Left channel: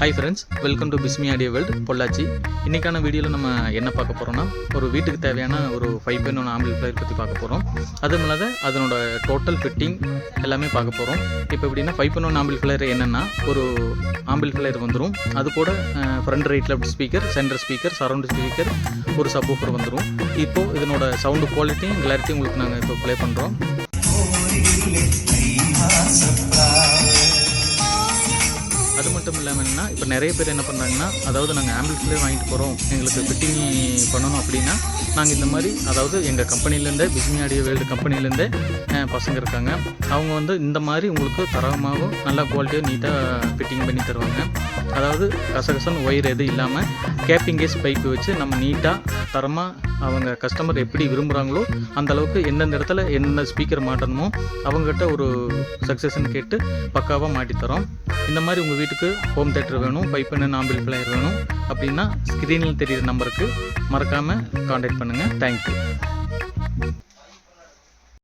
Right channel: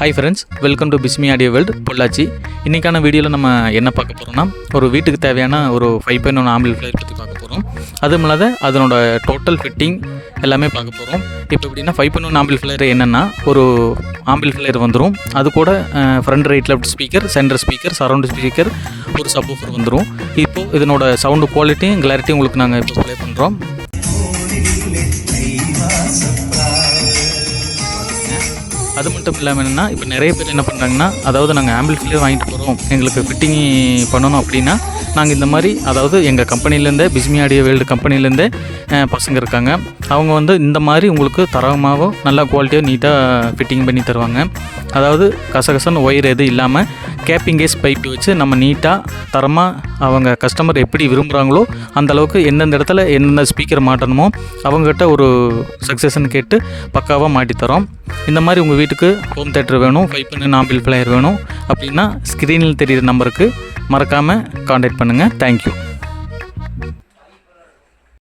Hi friends, welcome to Bismi audio world Pollachi. இன்றைக்கான வீடியோவில் நம்ம என்ன பார்க்க போகிறோம்னா, ஒரு வீட்டுக்கு தேவையான ஒரு 5.1 ஆம்பிளிஃபையர் பற்றி பார்க்க போகிறோம். அதுவும் இல்லாத அதனோட டோட்டல் ஃபிட்டிங் எல்லாமே பார்க்க போகிறோம். இப்போ எப்படின்னா 5.1 ஆம்பிளிஃபையர் என்னென்னா, ஒரு ஆம்பிளிஃபையர் வந்துடும். அது கூட front right left speaker, centre speaker, surround speaker, ஒரு சப்வூஃபர் வந்துடும். இப்போது இதனோட சவுண்டு குவாலிட்டியும் கிளாரிட்டியும் உங்களுக்கு நாங்கள் இப்போ ப்ளே பண்ணுறோம். அது மட்டும் இல்லாமல் என்னென்னா, இப்போ நிறைய பேர் என்ன பண்ணுறாங்கன்னா, அதாவது நாங்கள் ஆம்பிளிஃபையர் வாங்கிட்டு போகிறோம், எங்களுக்கு ஃபிட்டிங் பண்ணணும் அப்படின்னா, நாங்கள் இந்த மாதிரி அதாவது எங்கள் கம்பெனிலேருந்தே பிஸ்மி ஆடியோ வேர்ல்டு கம்பெனிலேருந்தே பசங்க இருக்காங்க. அவங்க வந்து இந்த மாதிரி உங்களுக்கு தரமாகவும் நல்லா குவாலிட்டியாக நீட்டாக ஃபிட்டிங் பண்ணி தருவாங்க. அதாவது கசகசன்னு ஒயர் எதுவும் இல்லாமல் கேப்பிங் கேஸ் பைப்பு வச்சு நம்ம நீட்டாக தரமாக அவங்க கஸ்டமர் எப்படி விரும்புகிறாங்களோ அந்தளவுக்கு எந்தெந்த இடத்துல எந்தெந்த ஸ்பீக்கர் மாட்டணுமோ அவங்ககிட்ட ஒரு சக்ஸஸ்ன்னு கேட்டு பக்காவாக மாட்டித்தரோம். இந்த மாதிரி உங்கள் வீட்டுக்கு ஹோம் தேட்டர் வேணும், 5.1 ஆம்பிளிஃபையர் வேணும் அப்படின்னா ஸ்க்ரீனில் தெரிகிற நம்பருக்கு மறக்காமல் காண்டாக்ட் பண்ணுங்கள். தேங்க்யூ.